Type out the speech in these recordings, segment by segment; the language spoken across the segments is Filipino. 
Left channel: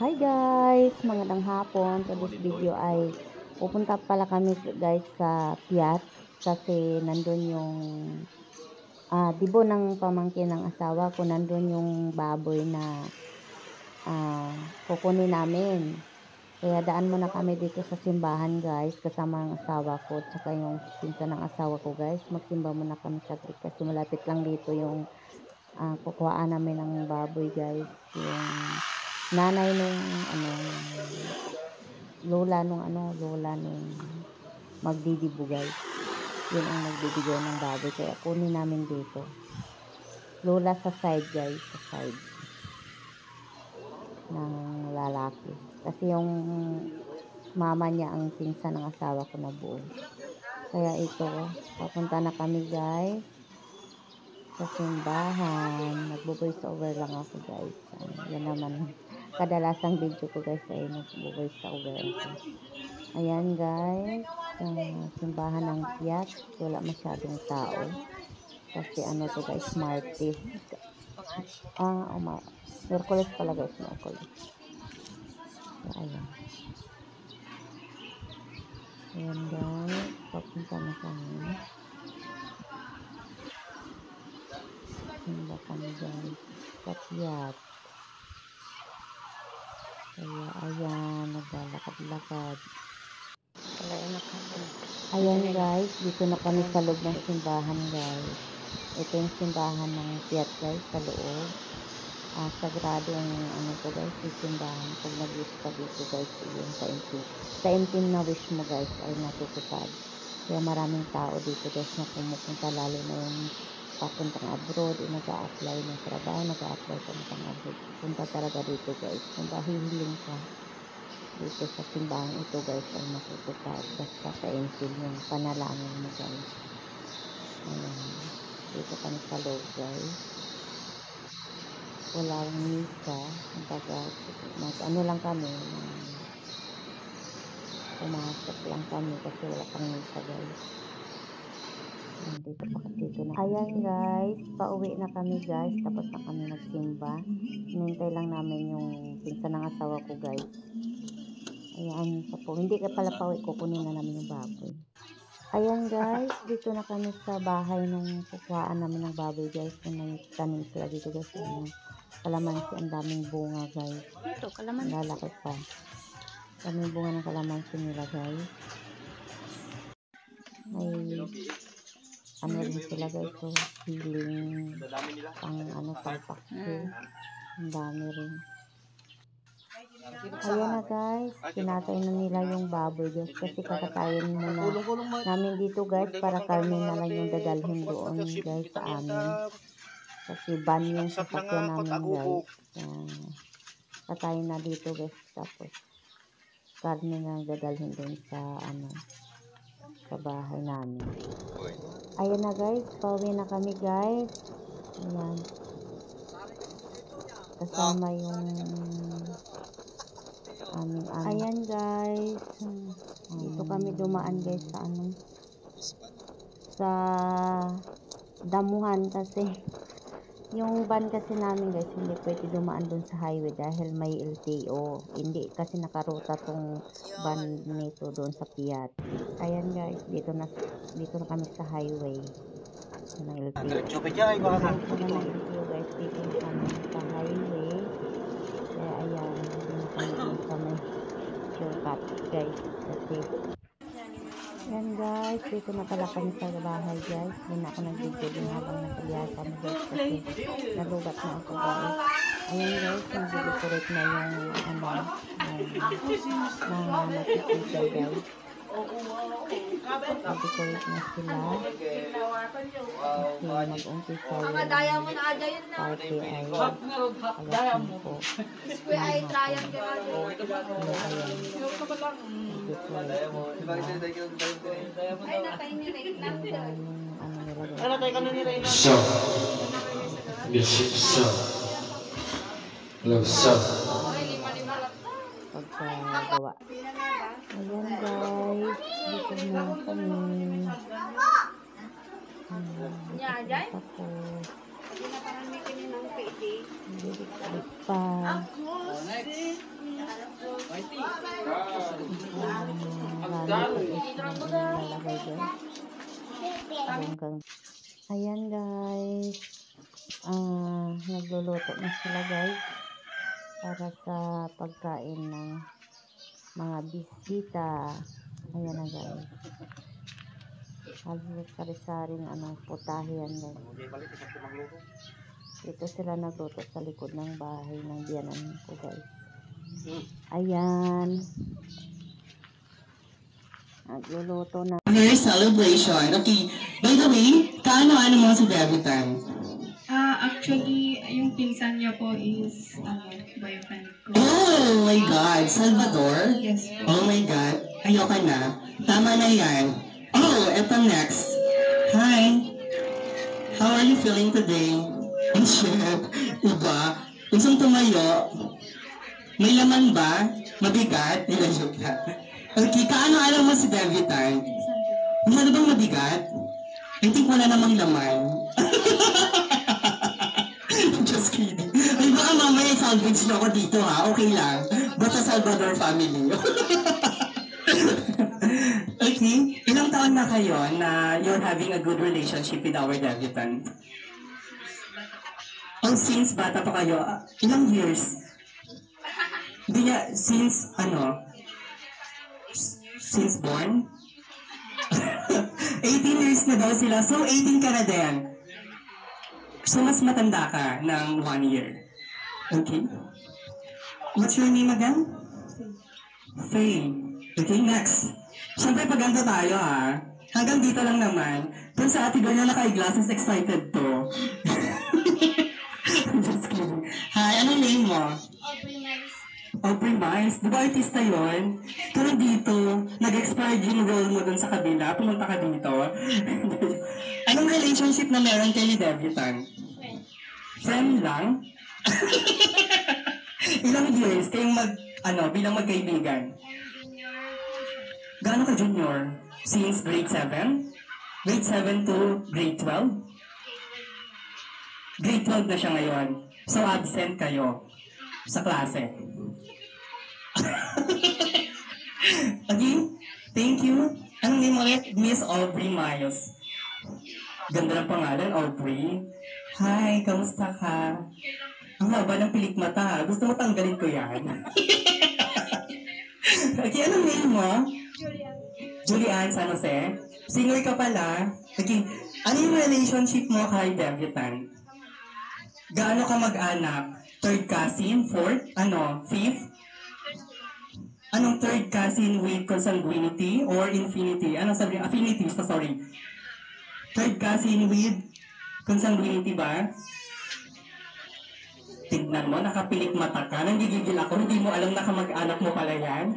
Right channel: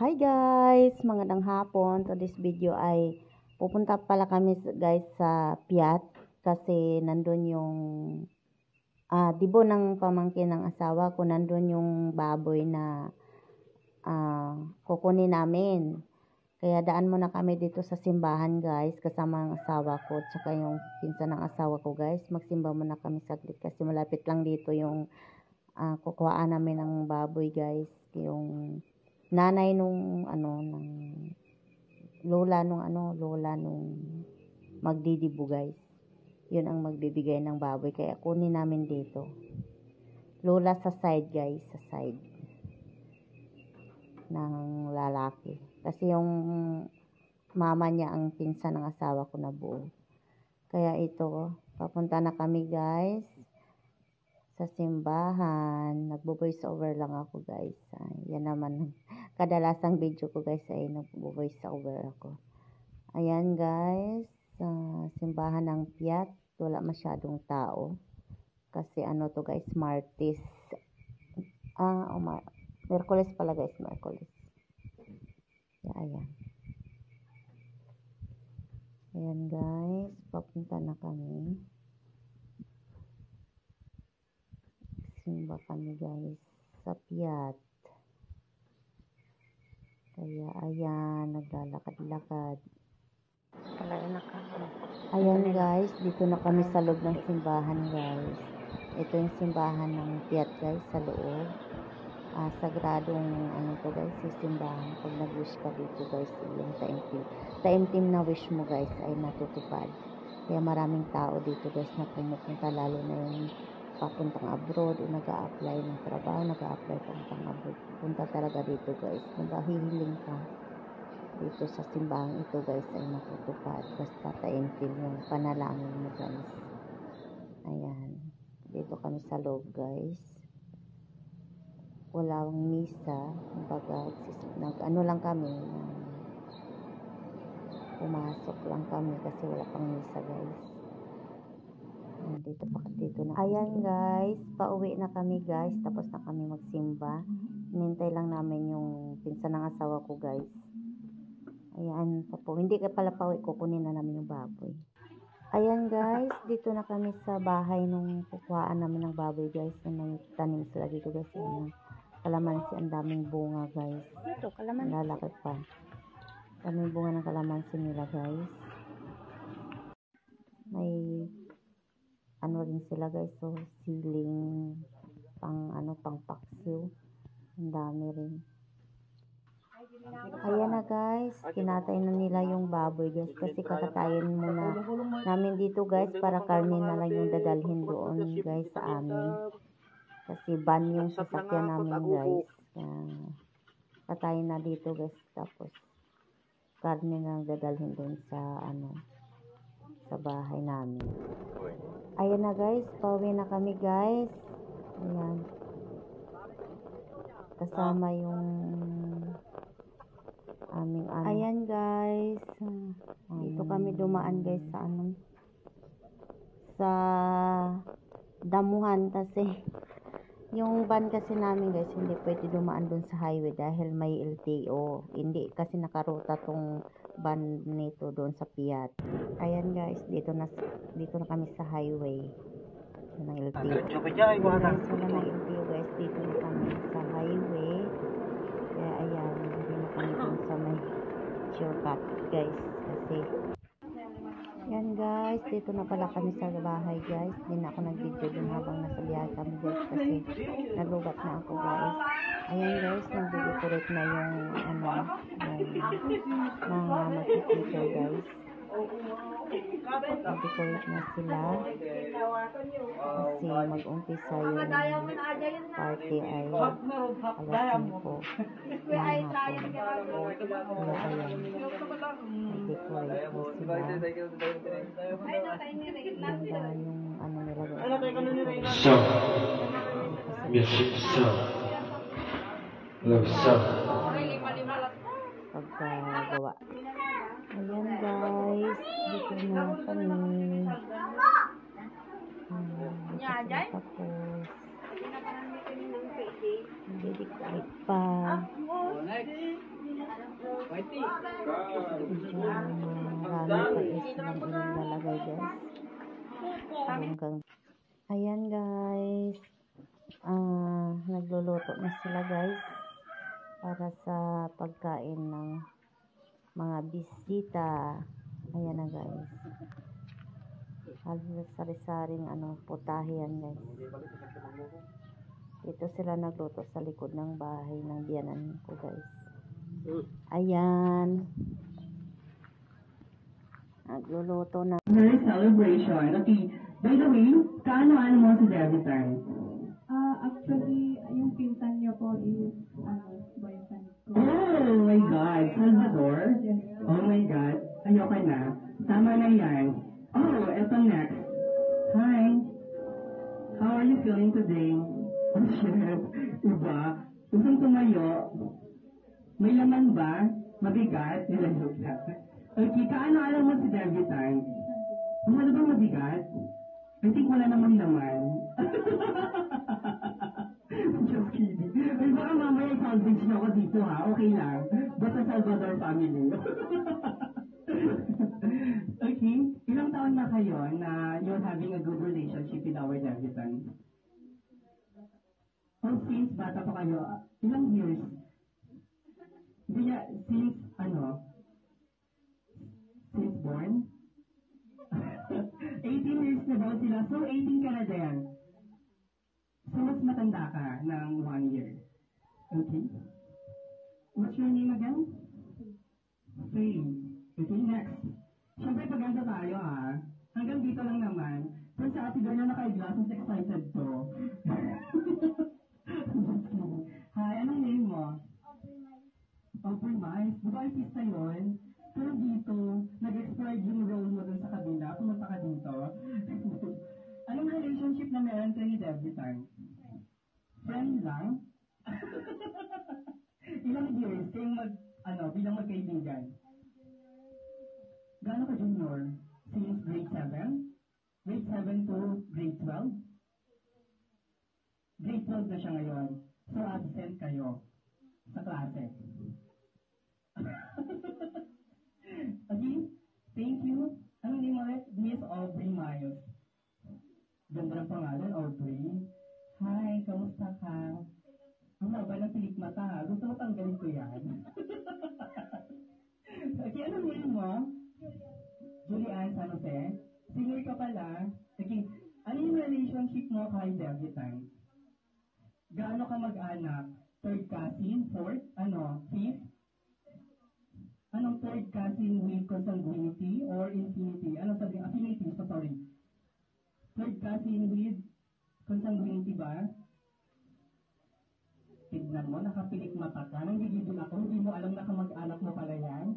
Hi guys! Magandang hapon. So this video ay pupunta pala kami guys sa Piat kasi nandun yung dibo ng pamangkin ng asawa ko, nandun yung baboy na kukunin namin. Kaya daan muna kami dito sa simbahan guys kasama ang asawa ko at saka yung pinsan ng asawa ko guys. Magsimba muna kami saglit kasi malapit lang dito yung kukuhaan namin ng baboy guys. Yung nanay nung lola nung magdidibo guys. Yun ang magbibigay ng baboy kaya kunin namin dito. Lola sa side guys, sa side ng lalaki. Kasi yung mama niya ang pinsan ng asawa ko na buo. Kaya ito, papunta na kami guys sa simbahan. Nagbo-voice over lang ako guys. Yan naman kadalasang video ko guys ay nagbo-voice over ako. Ayan guys, simbahan ng Piat, wala masyadong tao. Kasi ano to guys, Martes. Merkules pala guys, Merkules. So, ayan. Ayan guys, papunta na kami. Simba kami guys, sa Piat. Kaya ayan, naglalakad-lakad. Ayan guys, dito na kami sa loob ng simbahan guys. Ito yung simbahan ng Piat guys, sa loob. Sagradong ano to guys, yung simbahan. Pag nag-wish ka dito guys, yung sa intim na wish mo guys ay natutupad. Kaya maraming tao dito guys na pumupunta, lalo na yung papuntang abroad, nag-a-apply ng trabaho, nag-a-apply papuntang abroad. Punta talaga dito guys. Kung ba hihiling ka dito sa simbahan ito guys ay matutupad. Basta taintin yung panalangin mo guys. Ayan. Dito kami sa loob guys. Walang misa. Ano lang kami. Pumasok lang kami kasi wala pang misa guys. Dito na. Ayan guys. Pauwi na kami guys. Tapos na kami magsimba. Hinintay lang namin yung pinsan ng asawa ko guys. Ayan, hindi ka pala pauwi, kukunin na namin yung baboy. Ayan guys, dito na kami sa bahay nung kukuhaan namin ng baboy guys. Kung nagtanim sila dito guys. Ayan, kalamansi, ang daming bunga guys. Ito, kalamansi. Lalaki pa. Daming bunga ng kalamansi nila guys. May ano rin sila guys, so healing pang pakso. Ang dami rin. Ayan na guys, kinatay na nila yung baboy guys kasi kakatayin muna namin dito guys para karne na lang yung dadalhin doon guys sa amin. Kasi ban yung sasakyan namin guys. Katayin na dito guys, tapos karne na dadalhin doon sa sa bahay namin. Ayan na guys, pauwi na kami guys. Ayan. Kasama yung ayan guys, dito kami dumaan guys sa damuhan kasi yung van kasi namin guys hindi pwede dumaan dun sa highway dahil may LTO, hindi kasi nakaruta tong van nito doon sa Piat. Ayan guys, dito na kami sa highway ng LTO. Wala ng LTO guys, dito na kami sa highway. Kaya ayan, hindi na kami dun sa may shortcut guys kasi yan guys, dito na pala kami sa bahay guys. Hindi na ako nag-video din habang nasa biyahe kami guys kasi nalubat na ako guys. Ayan guys, nag-decorate na yung mga mag-teacher guys. Nag-decorate na sila kasi mag-umpisa yung party ay alas 5 ng hapon. Kaya ayan, nag-decorate na sila. Ganda yung nila guys. Pagkagawa. Ayan guys, dito na kami. Tapos hindi decorate pa. Marami pa is lang inilalagay guys. Bonggang. Ayan guys. Nagluluto na sila guys. Para sa pagkain ng mga bisita. Ayan na guys. Halos sari-saring putahe yan guys. Dito sila nagluto sa likod ng bahay ng biyanan ko guys. Ayan. Nagluluto na. Her celebration. Okay. By the way, kaano-ano mo si Debbie Tan? Actually, yung pinsan niya po is boyfriend ko. Oh my God. Salvador? Yes. Oh my God. Ayoko na. Tama na yan. Oh, eto next. Hi. How are you feeling today? Ang shit. Iba. Gusto tumayo. May laman ba? Mabigat? Ilasok ka. Okay, kaano-ano mo si Debbie Tan? Ano bang mabigat? I think wala namang laman. Just kidding. Ay, baka mamaya salvage na ako dito ha. Okay lang. Basta Salvador family. Okay. Ilang taon na kayo na you're having a good relationship with our debutant? Oh, since bata pa kayo, ilang years? Hindi niya, since since born? 18 years na daw sila. So, 18 ka na din. So, mas matanda ka ng 1 year. Okay. What's your name again? Faye. Okay, next. Siyempre, paganda tayo ha. Hanggang dito lang naman. Pero sa ate girl na naka-glasses, excited to. Just kidding. Hi, anong name mo? Aubrey Miles. Di ba artista yun? Pero dito, nag-expired yung role mo dun sa kabila. Pumunta ka dito. Anong relationship na meron kayo ni Debutant? Friend lang? Ilang years kayong bilang magkaibigan? Gaano ka junior? Since grade 7? Grade 7 to grade 12? Grade 12 na siya ngayon. So absent kayo sa klase. Okay, thank you. Anong name ulit? Miss Aubrey Miles. Ganda ng pangalan, Aubrey. Hi, kamusta ka? Ang haba ng pilik mata ha. Gusto mo tanggalin ko yan? Okay, anong name mo? Julian San Jose. Singer ka pala. Okay, ano yung relationship mo kay Debutant? Gaano ka mag-anak? Third cousin? Fourth? Fifth? Anong third cousin with consanguinity or infinity? Ano sabi? Affinity, sorry. Third cousin with consanguinity ba? Tignan mo, nakapilik mata ka. Nanggigigil ako, hindi mo alam na kamag-anak mo pala yan.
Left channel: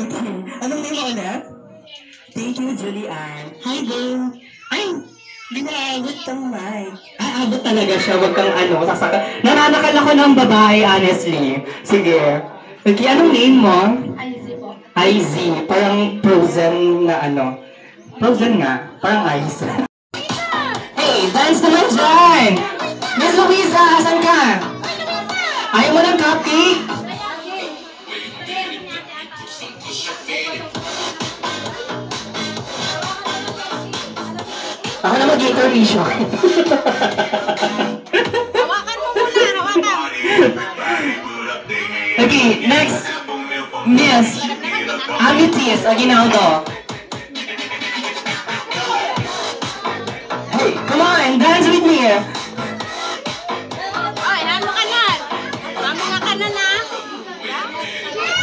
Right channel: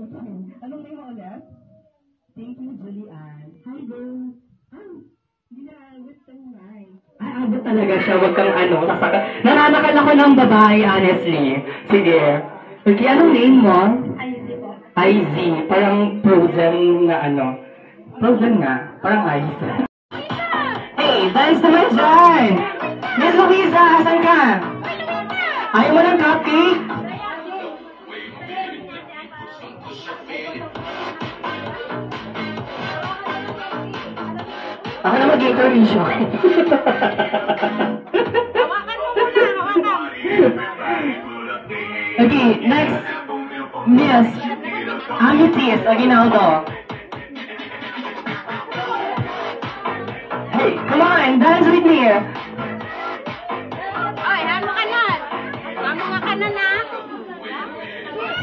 Okay, anong name mo ulit? Thank you, Julian. Hi, girl. Ay, hindi na aabot kang mic. Aabot talaga siya, wag kang sasaka. Nananakal ako ng babae, honestly. Sige. Okay, anong name mo? IZ po. IZ. Parang frozen na Frozen nga. Parang ice. Hey, dance naman dyan! Miss Luisa, asan ka? Ayaw mo ng copy? Ako na mag-intermission. Hawakan mo muna, hawakan! Okay, next. Miss Amitis Aguinaldo. Hey, come on, dance with me. Ay, lamo ka na! Lamo ka na na!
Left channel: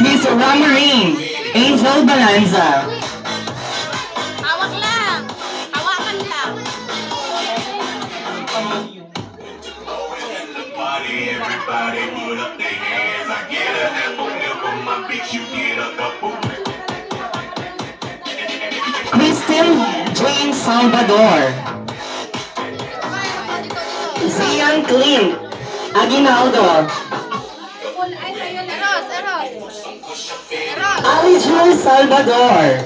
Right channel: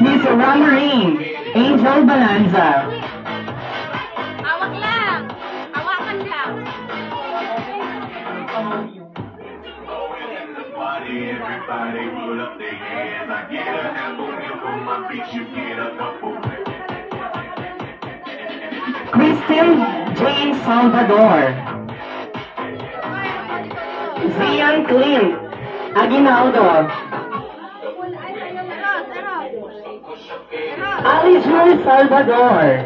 Miss Ramarine Angel Balanza. Hawak lang! Hawakan lang! Everybody put up their hands. I get a apple milk on my bitch, you get a couple. Kristen James Salvador. Zion Clint Aguinaldo. Alicia Salvador.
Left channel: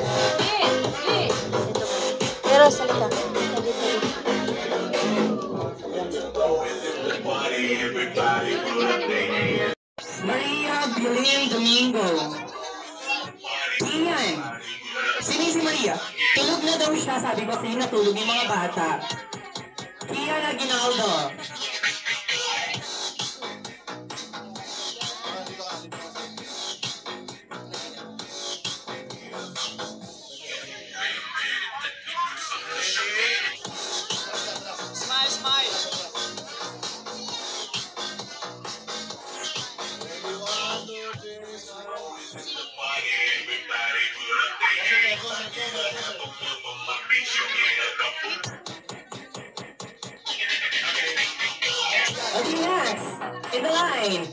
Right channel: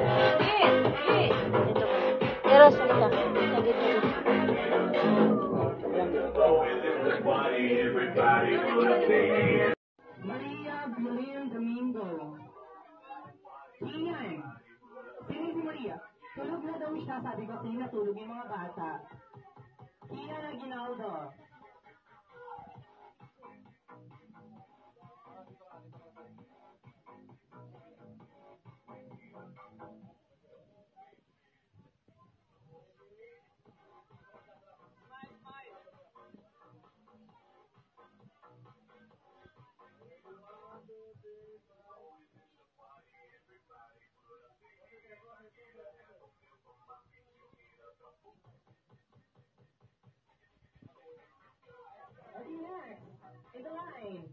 Maria Evelyn Domingo. Iyan. Sino si Maria? Tulog na daw siya. Sabi ko sa'yo natulog yung mga bata. Ian Aguinaldo. Okay, next. In the line.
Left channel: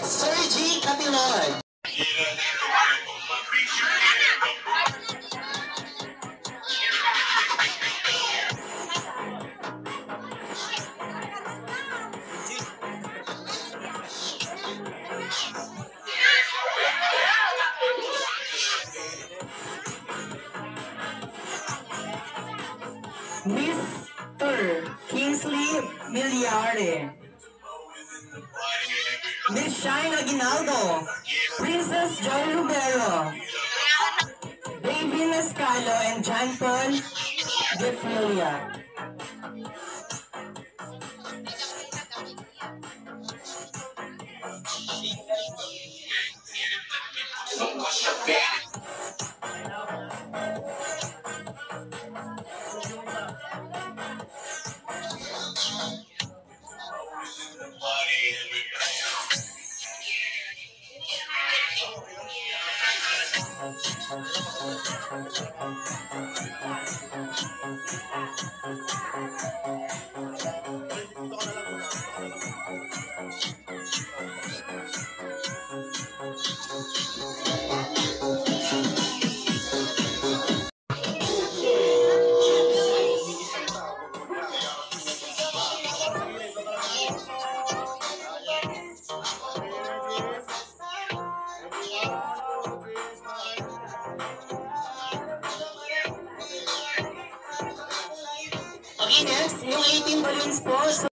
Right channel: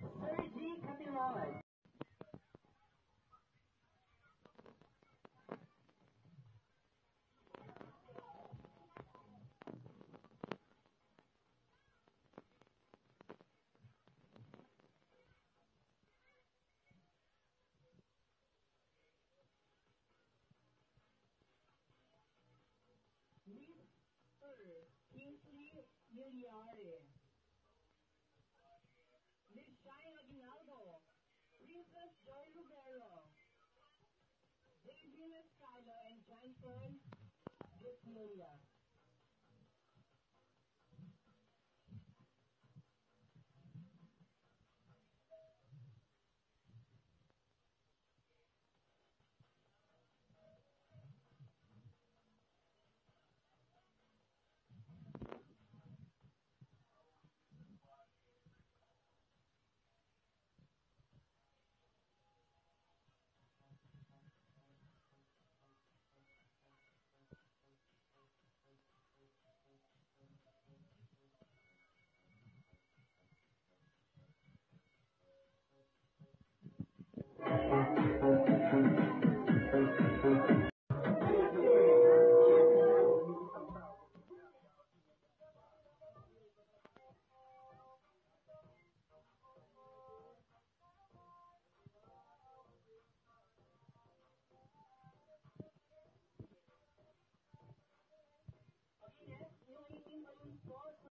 Sergi Capilon. Mr. Kingsley Miliare. Miss Shine Aguinaldo. Princess Joy Rubero. David Escalo and John Paul De Filia. Okay, next, yung 18 balloons po. So,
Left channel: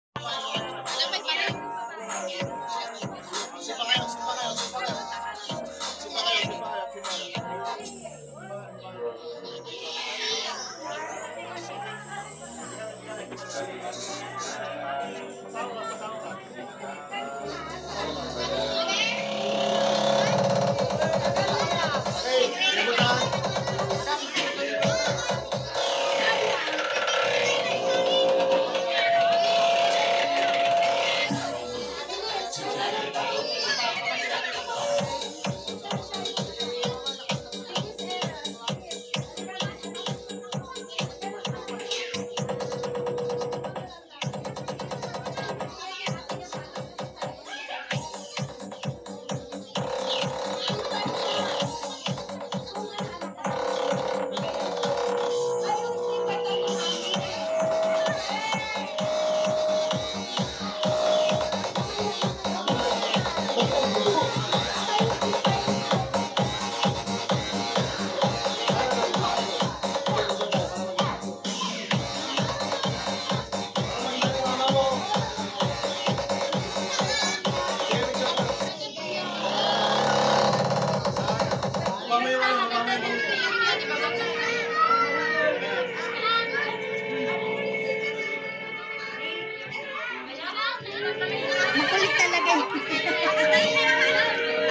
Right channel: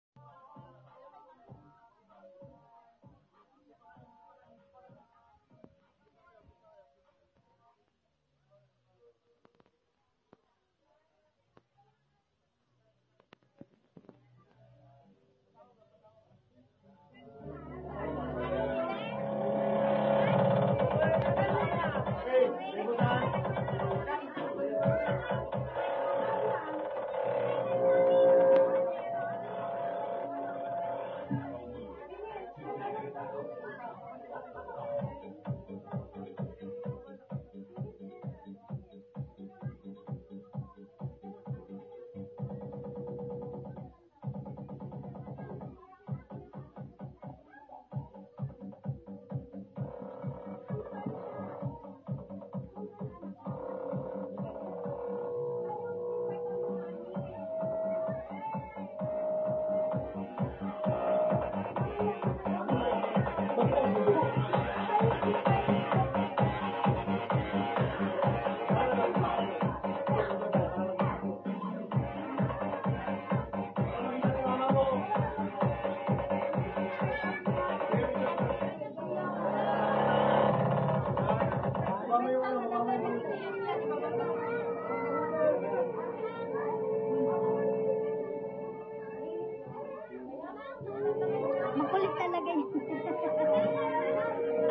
Makulit talaga.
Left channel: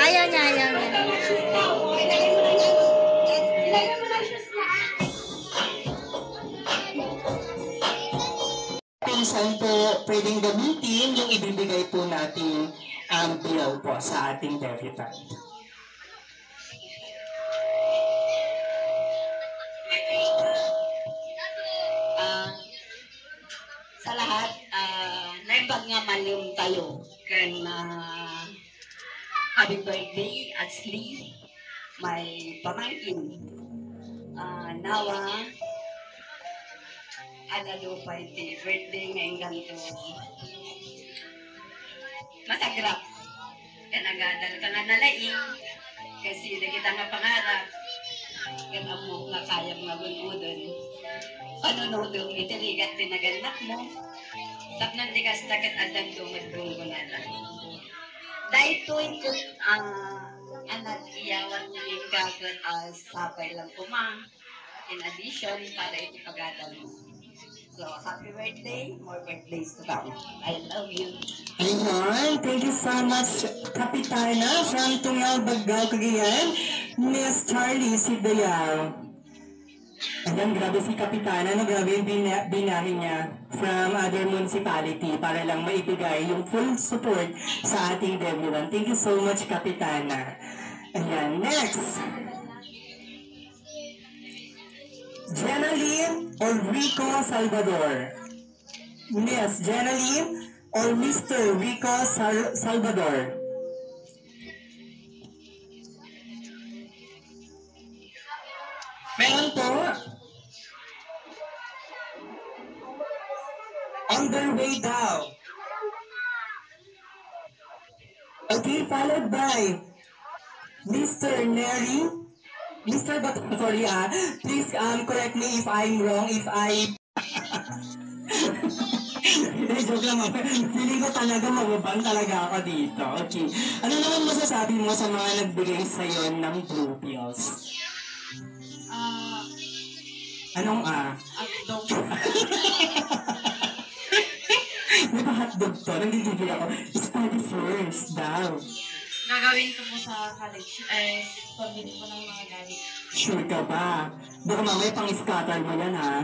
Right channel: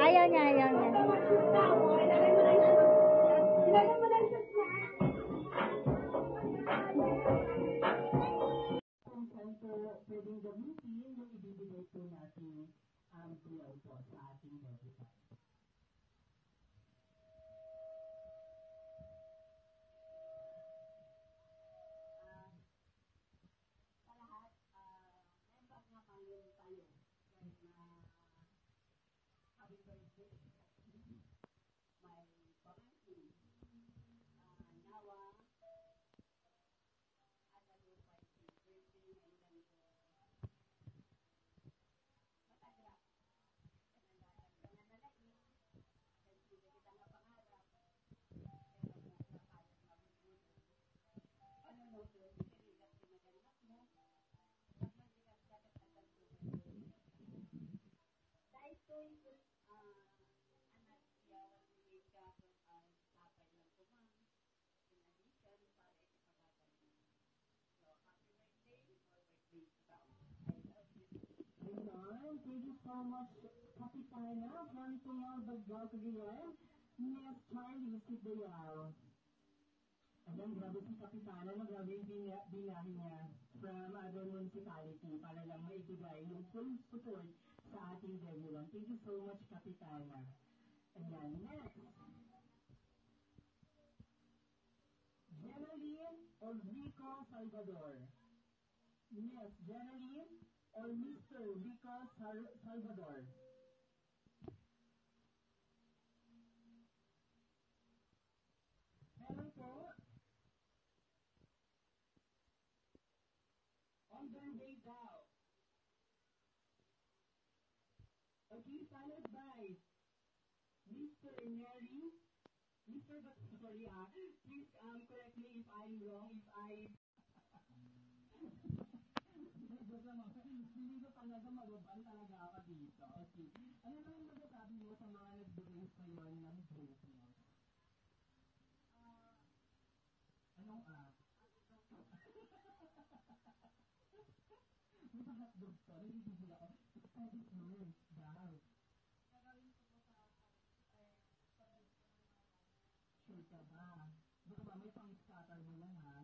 Ayaw niya, ayaw niya. kung saan po pwedeng gamitin yung ibibigay po nating bill po sa ating debutant. Sa lahat, naibag nga malim tayo. Kan happy birthday at least may pamangkin. Nawa, alalo pa iti birthday ngayong ganito. Matagrap. Yan agadal ka nga nalaing. Kasi na kita nga pangarap. Yan mo nga kaya mga gunudon. Panunodong itiligat tinaganak mo. Tapnan di ka stakit adang dumagong gunala. Dahil tuwing ko, anak iyawan mo yung gagot sapay lang ko ma. In addition, para ito pag-atal mo. So, happy birthday, more birthdays to come. I love you. Ayun, thank you so much, Kapitana from Tungal, Bagao, Cagayan, Miss Charlie Sidayaw. Ayan, grabe si Kapitana, no? Grabe yung binahin niya from other municipality para lang maibigay yung full support sa ating Deburan. Thank you so much, Kapitana. Ayan, next. Jenaline or Rico Salvador? Miss Jenaline or Mr. Rico Salvador? Meron po. On their way down. Okay, followed by Mr. Neri. Mr. But sorry please correct me if I'm wrong, if I hindi, joke lang ako. Feeling ko talaga mababang talaga ako dito. Okay. Ano naman masasabi mo sa mga nagbigay sa'yo ng blue pills? Anong Hotdog. May pa hotdog to. Nagigigil ako. Study first daw. Gagawin ko po sa college. Pabili ko ng mga gamit. Sure ka ba? Baka mamaya pang-scatter mo yan, ha?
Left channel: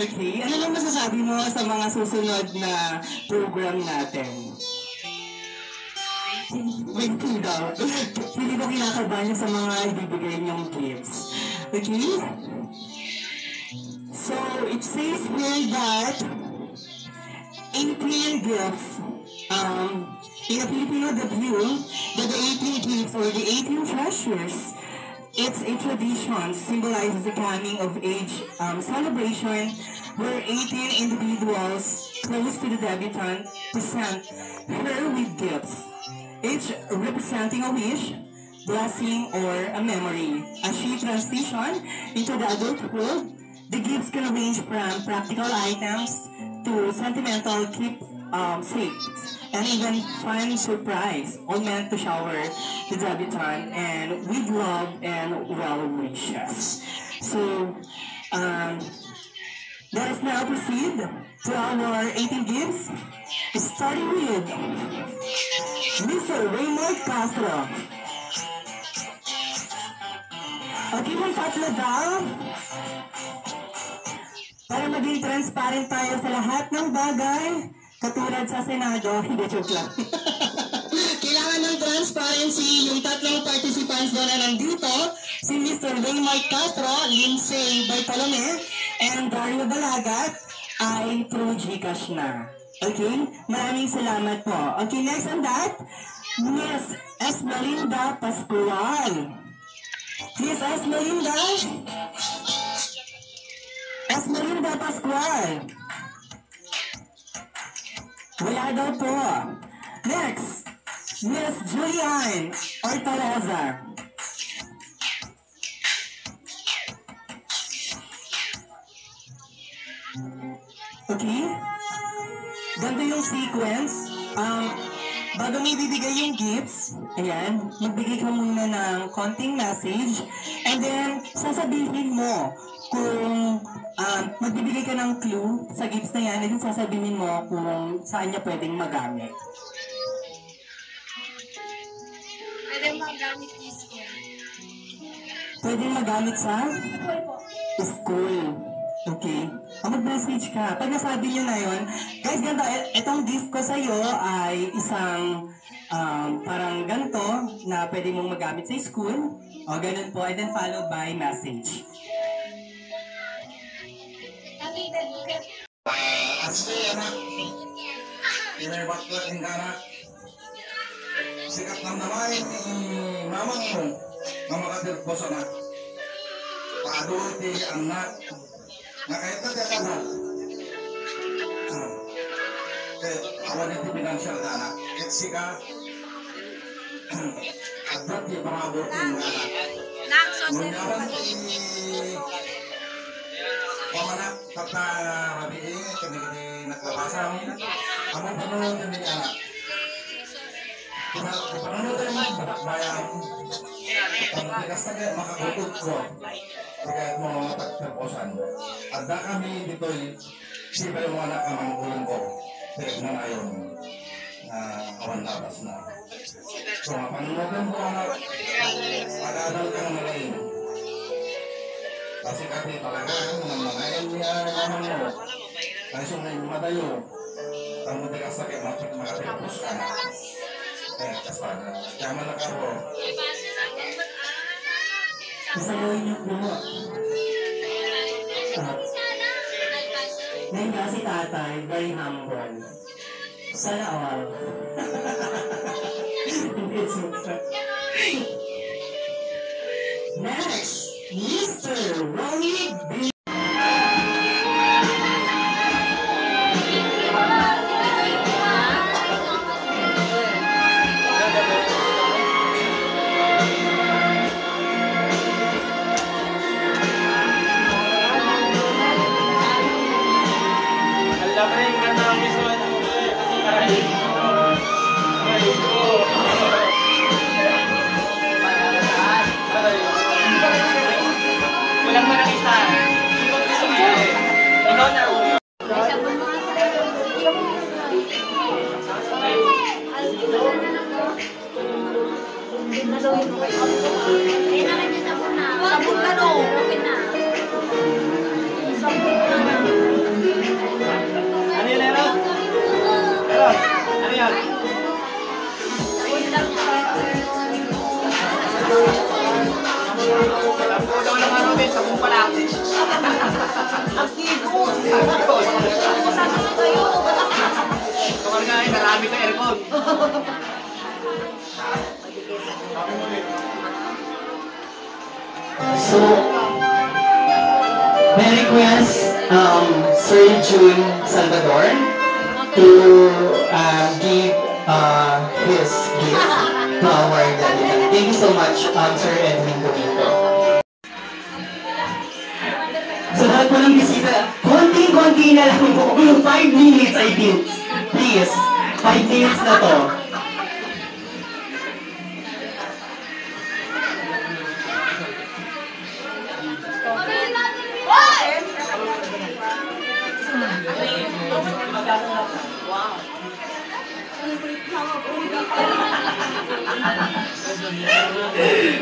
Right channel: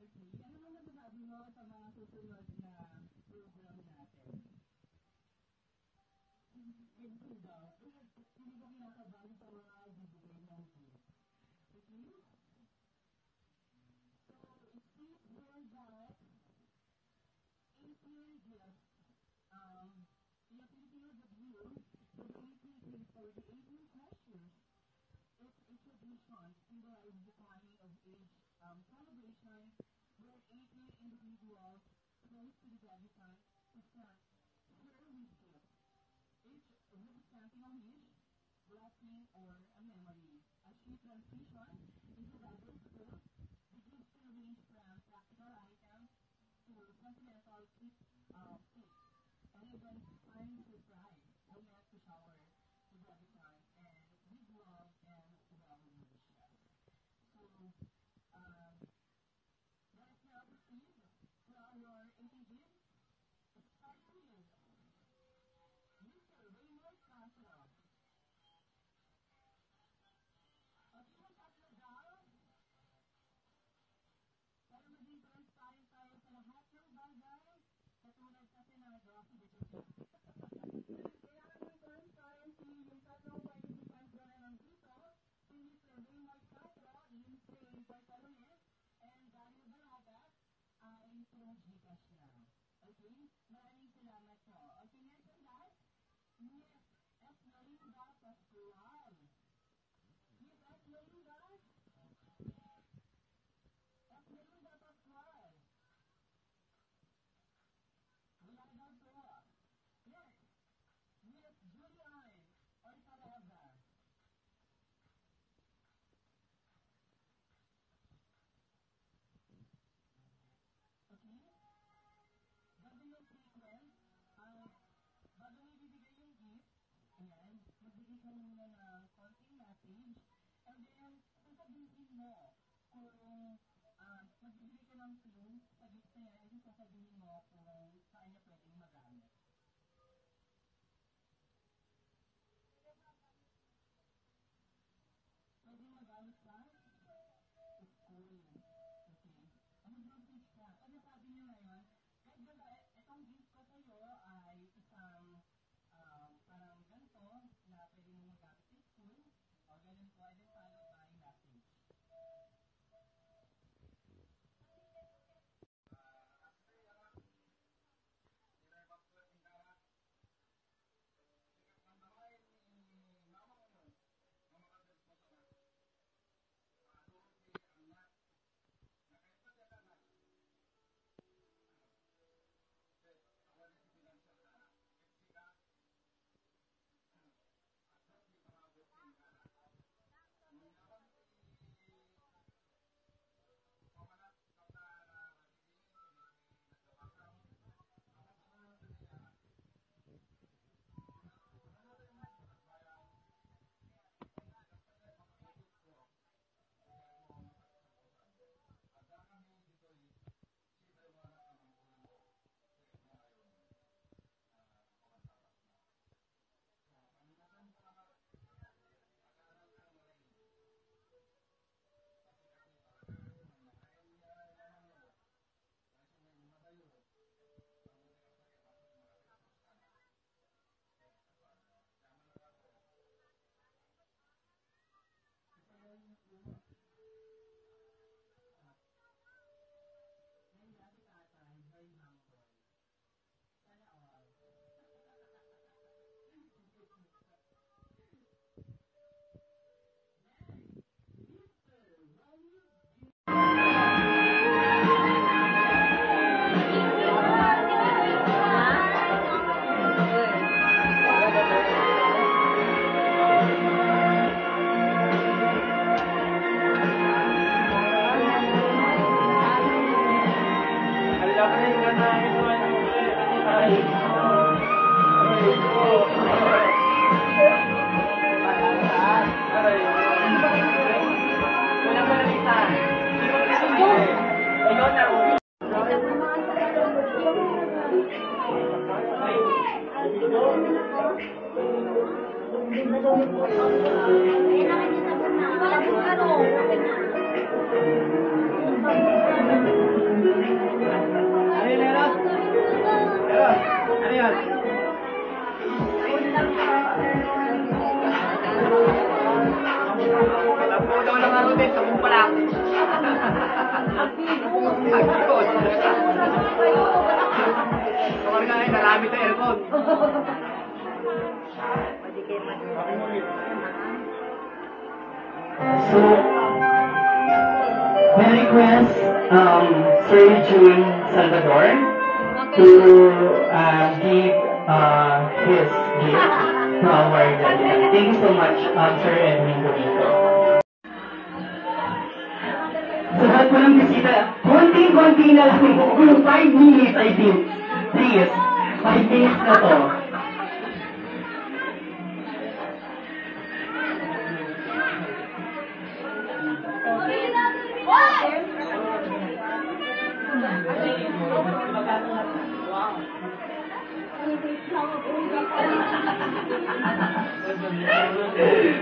Okay. Ano lang masasabi mo sa mga susunod na program natin? Waiting daw. Hindi ko kinakabahan sa mga ibibigay niyong gifts. Okay? So, it says here that 18 gifts, in a Filipino view, that the 18 gifts or the 18 treasures, it's a tradition, symbolizes the coming of age celebration where 18 individuals close to the debutante present her with gifts, each representing a wish, blessing, or a memory. As she transitions into the adulthood, the gifts can range from practical items to sentimental keepsakes, and even fun surprise, all meant to shower the debutante and with love and well wishes. So, let us now proceed to our 18 gifts, starting with Mr. Raymond Castro. Okay, mong tatlo daw. Para maging transparent tayo sa lahat ng bagay, katulad sa Senado, hindi joke lang. Kailangan ng transparency yung tatlong participants doon na nandito, si Mr. Raymond Castro, Lindsay Bartolome, and Dario Balagat, ay through Gcash na. Okay? Maraming salamat po. Okay, next on that, Miss Esmelinda Pascual. Miss Esmelinda Pascual. Wala daw po. Next, Miss Julian Ortalaza. Okay? Ganito yung sequence. Bago may bibigay yung gifts, ayan, magbigay ka muna ng konting message, and then sasabihin mo kung magbibigay ka ng clue sa gifts na yan, and then sasabihin mo kung saan niya pwedeng magamit. Pwede magamit yung school. Pwedeng magamit sa? School. Okay. Mag-message ka. Pag nasabi nyo na yun, guys, ganito, itong gift ko sa'yo ay isang parang ganito na pwede mong magamit sa school. O, ganun po. And then followed by message. Asli anak, inaibat ko ang anak. Sikat ng namay ni mamang mo, mamakadir po sa anak. Paadol ti anak. Nakita ka anak. Kaya awan iti financial na anak. At sika, adat ti pangabot ng anak. Munyawan ti pamanak pagka rabiing, kami naglabasang, among panunod ng anak. Paano tayo magbayan? Ang tigas na kaya makakutod ko. Kaya mo mga tagtaposan. Ada kami dito'y siya yung mga nakamangulan ko. Kaya na ngayon na awan labas na. So, mapanunogan ko anak, pag-aaral ka ng malayin. Kasi kasi talaga, nangangayan niya naman mo. Ay sumay madayo. Ang matigas na kaya makatapos ka na. Kaspada. Kaya malaka ko. Isayawin niyo po. Ngayon kasi tatay, very humble. Sana all. Next, Mr. Ronnie B. Walang mo lang isa. Ikaw na. Ano yun, Eros? Eros, ano yan? Tapos daw lang ano din, sabong pala. Nagtigos. Mga guys, narami ka aircon. So, may request Sir June Salvador to give his gift to our delegate. Thank you so much, Sir Edwin Domingo. So, lahat po ng bisita, konti-konti na lang po. 5 minutes, I think. Please, 5 minutes na to.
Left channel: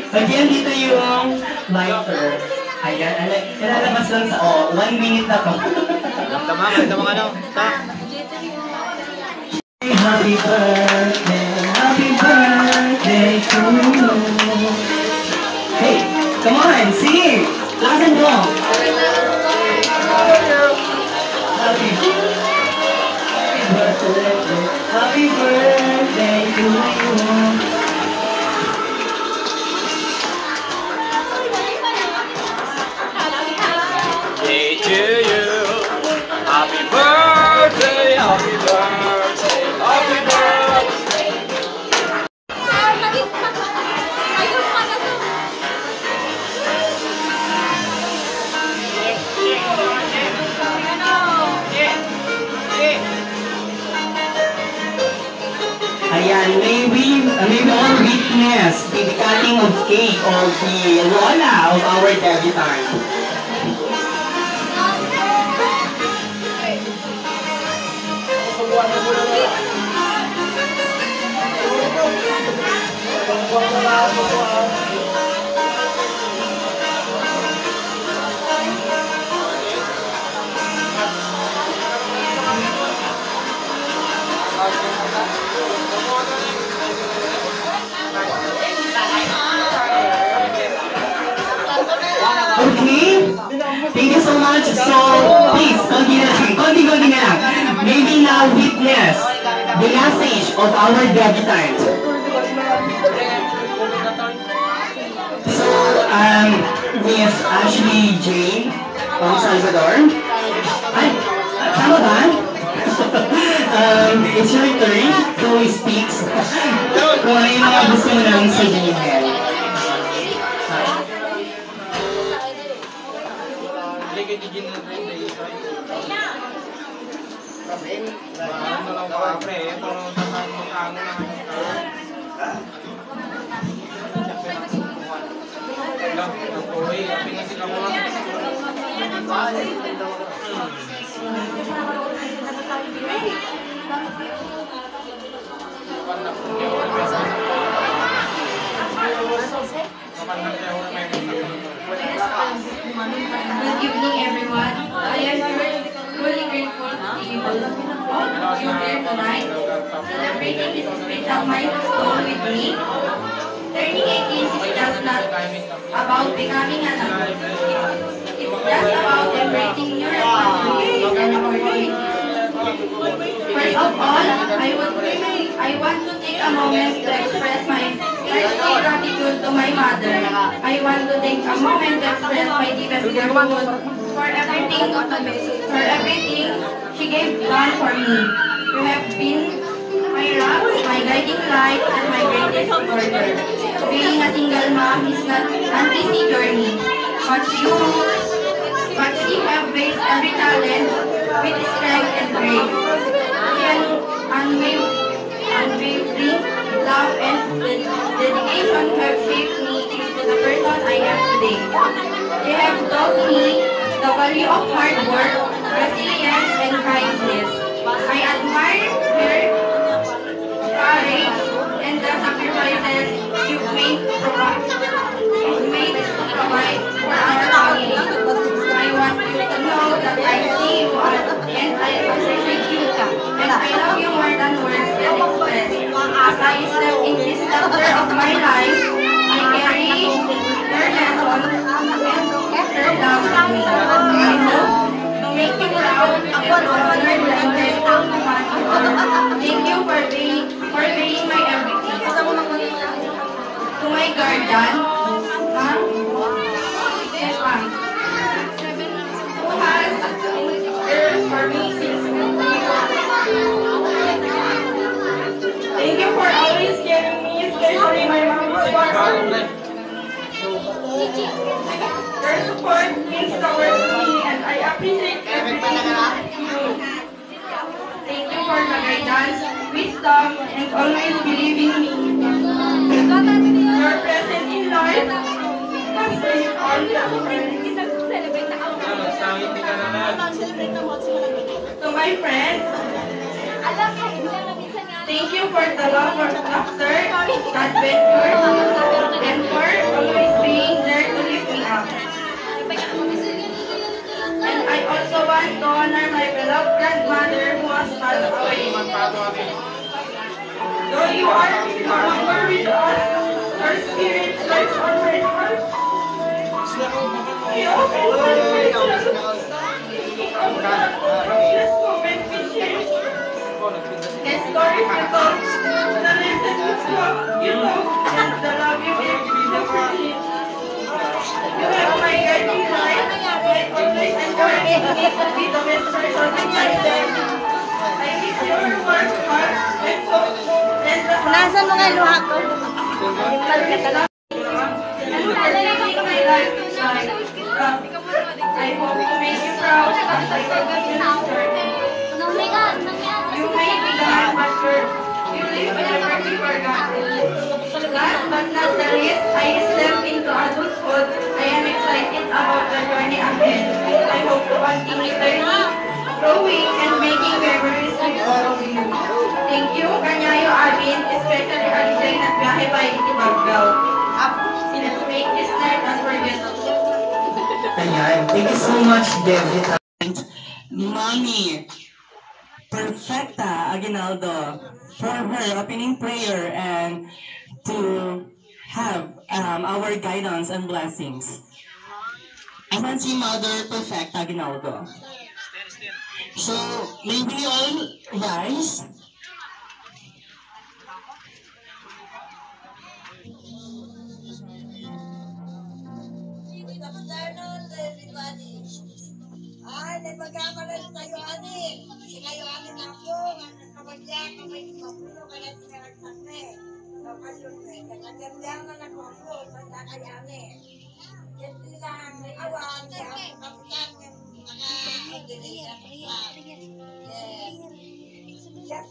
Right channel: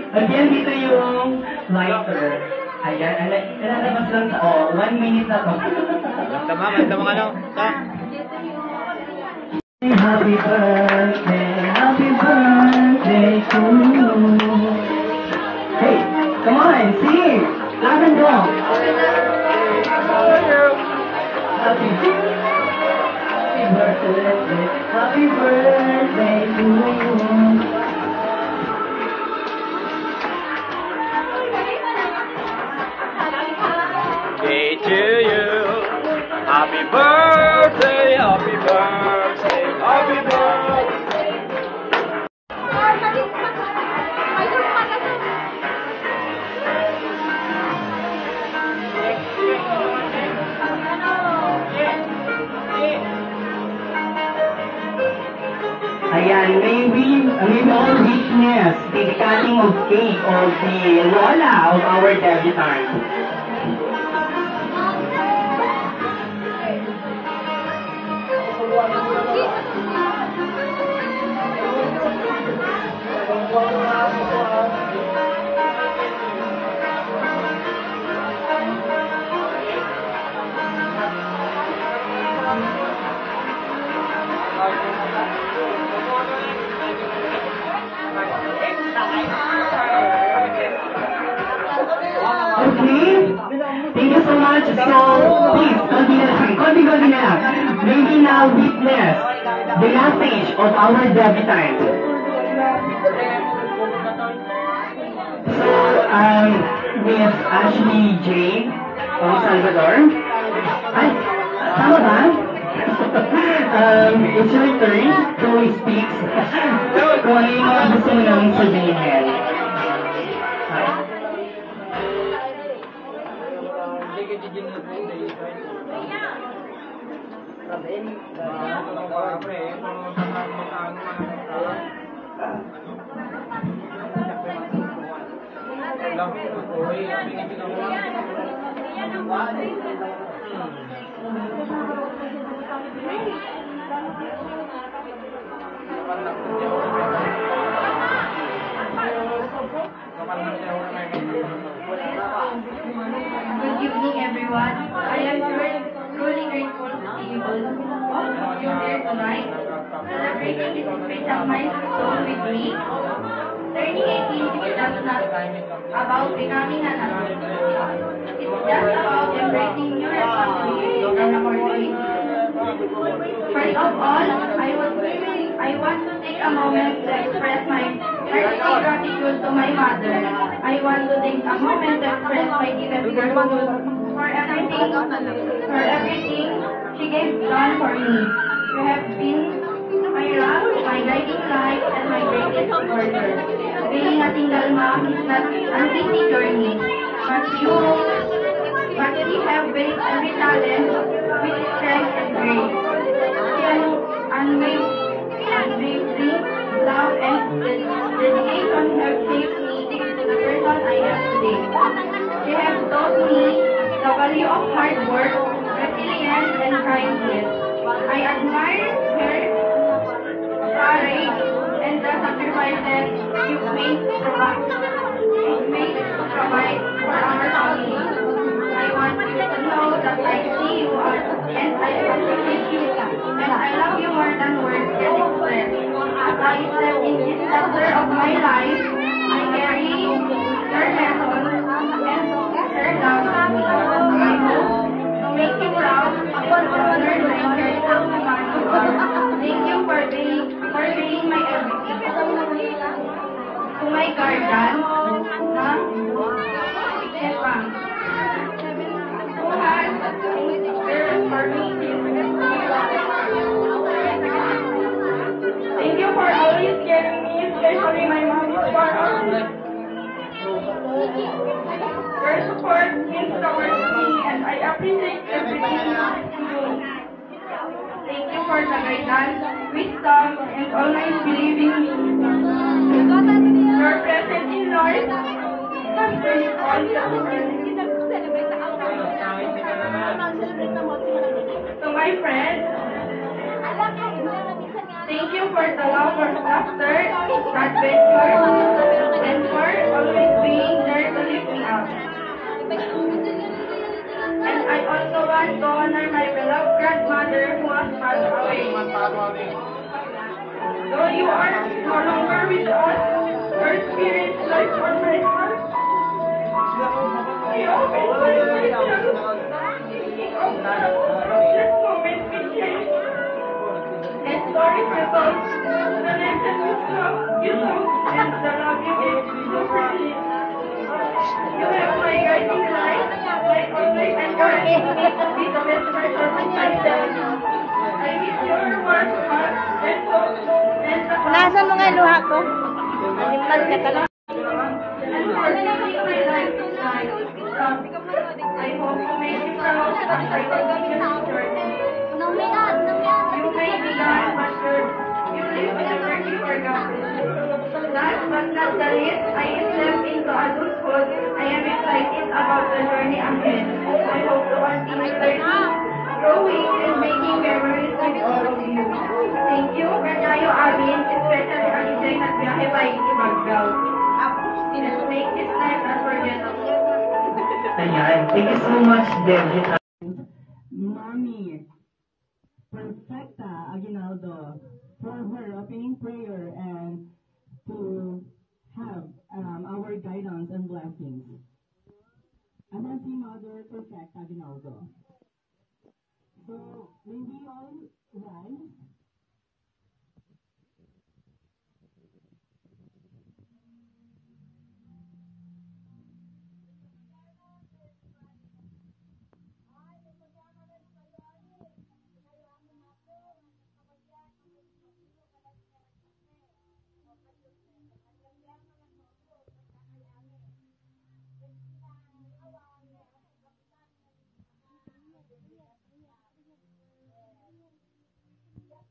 Again, dito yung lighter. Ayan, ilalabas lang sa 1 minute na to. Tama ka lang. Happy birthday to you. Hey, come on, sing! Lakas mo! Happy birthday to you. Day to you. Happy birthday, happy birthday, happy birthday. Ayan, may all witness the cutting of cake of the Lola of our debutante. Okay? Thank you so much. So, please, continue na lang. May we now witness the last stage of our debutante. So, Miss Ashley Jane Salvador. Ay, tama ba? It's your turn. Chloe speaks. Kung ano yung mga gusto mo namin sabihin. Good evening, everyone. I am truly grateful to be able to be here tonight, celebrating this special milestone with me. Turning 18 is just not about becoming an adult. It's just about embracing your responsibilities and opportunities. First of all, I want to take a moment to express my heartfelt gratitude to my mother. I want to take a moment to express my deepest gratitude for everything she gave done for me. You have been my rock, my guiding light, and my greatest supporter. Being a single mom is not an easy journey, but she have faced every challenge with strength and grace. Unwavering love and dedication have shaped me into the person I am today. They have taught me the value of hard work, resilience, and kindness. I admire her courage and the sacrifices you made to provide for our family. I want you to know that I see you and I appreciate you. And I love you more than words can express. As I step in this chapter of my life, I carry your lessons and her love with me. I hope to make you proud and consider the great woman you are. Thank you for being my everything. To my guardian, who has there for me since thank you for always caring me, especially my mom who are your support means the world to me and I appreciate everything you do. Thank you for the guidance, wisdom, and always believing me. Your presence in life has been all to my friends, thank you for the love and laughter that went yours and for always being there to lift me up. And I also want to honor my beloved grandmother who has passed away. Though you are no longer with us, your spirit lives on my heart. We often find ourselves thinking of the precious moment we shared. The stories you told, the lessons you know, and the love you gave me the friendship. You have my guiding light, my always encouraging me to be the best person of myself. I miss your warm heart and soul, and the Nasa mga luha ko. I hope to make you proud as I continue this journey. You may be gone, but you live whenever you are gone. Last but not the least, I step into adulthood. I am excited about the journey ahead. I hope to continue learning, growing, and making memories with all of you. Thank you, Kanyayo Alvin, especially Alijay at Biyahe by Itibagao. Let's make this night unforgettable. Thank you so much, David. And Mommy Perfecta Aguinaldo for her opening prayer and to have our guidance and blessings. Aman si Mother Perfecta Aguinaldo. So, may we all rise? Ay, magkakaroon tayo ani. Kayo ani na po, kapagya, kamay di mapuno, kaya sinaragsaste. Kapag yun, kagandang na nagpupo, sa kayani. Yan sila, may awan, kaya ang kapitan, mga idili, yes. Yes,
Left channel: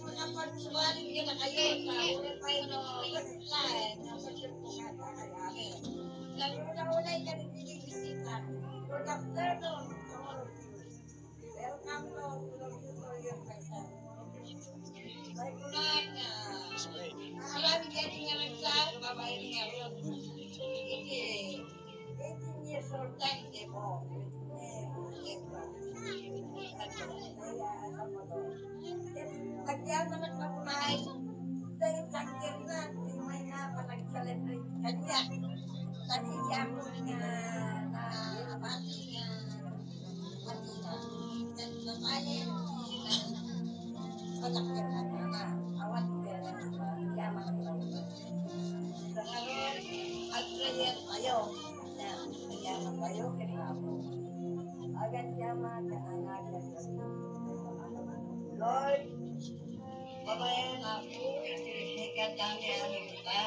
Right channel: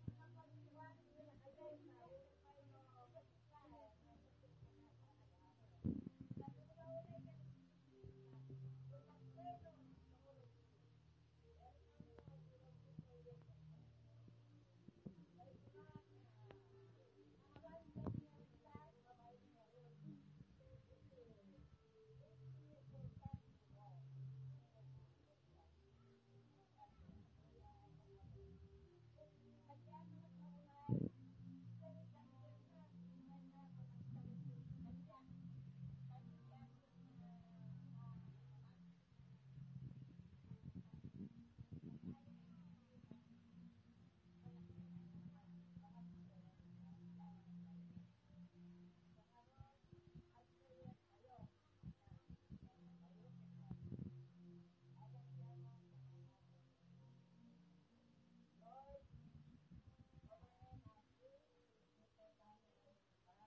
dami ano kita.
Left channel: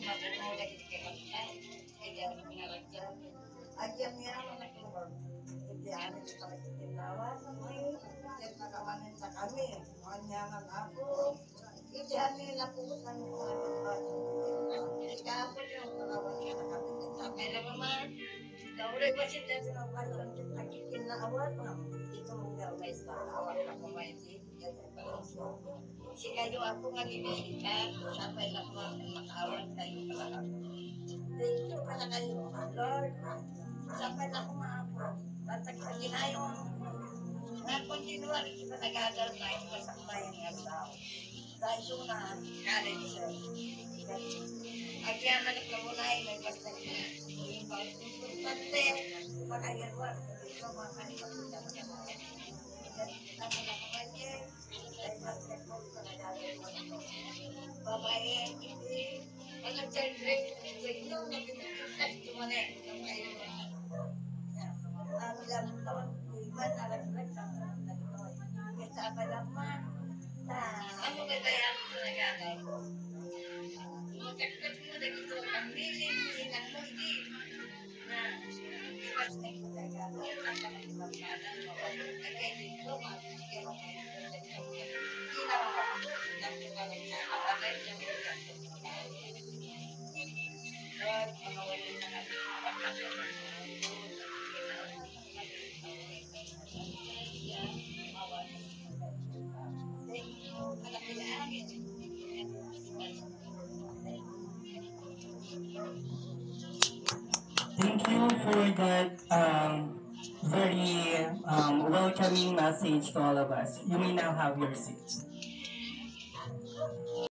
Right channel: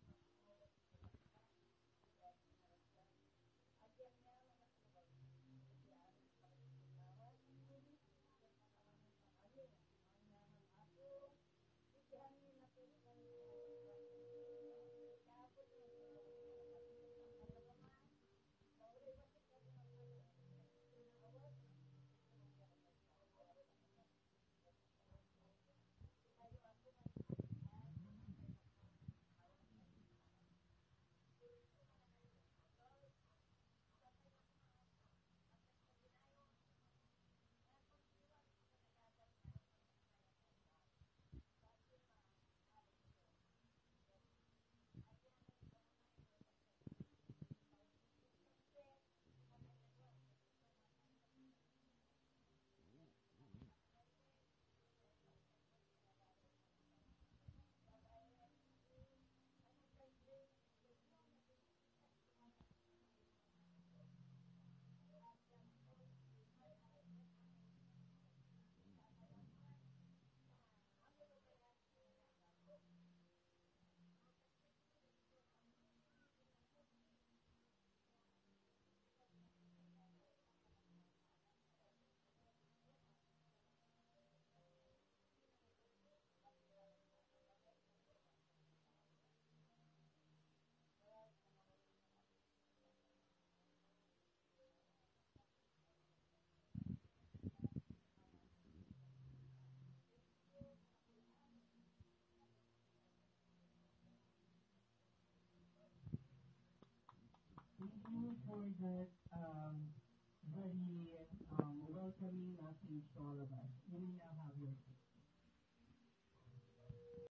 Mabuno lagi kita. Kaya pinaragyan. Agyan niya ako nagtulog. Hindi ano kita nagtinawa sa mga. Yan nakamanin sa kami. Kanya nga ako. Hindi ano yung napukot ng mga bago. Ikapon yung kawan niya na kami. Sakay na naman. Nauray pa siya dyan sa mga nagkikinawat. Ito mong gawin sa awat na kumaiti. Si kayo ako nga bibisita. Sabay na makawat kayo pala. Thank you pala kayo, Lord. Sabay na kumaapo. Batag sa ginayong nga kontinuar kita nag-agal na ito sa bayan ng tao. Dahil ito na college siya. Agyan na nagkamunay, may basta niya. Yung bastante, makayarwa. Ito mga kanipagpunta mo na mga. Kita mo na kumanye. Dahil basta ko sa nag-agal mo na ito. Babae, hindi. Walang children. Ito, nagpipintas ito mo na eh. Ang lang taon, iman, alag-alag sa mga nagtoy. Kaya sa man, ano ba kaya ako nag-agal ko? Magkakit mo na ito, ang biling, sinan mo, hindi. Na, iwas na ito nag-agal. Ang kapag-ibabalan mo, kaya dito, kaya mo kayo hindi na makapagpapalag sa kapatid ng mga Lord, mga wali na kami, Thank you for that very welcoming message to all of us. You may now have your seats.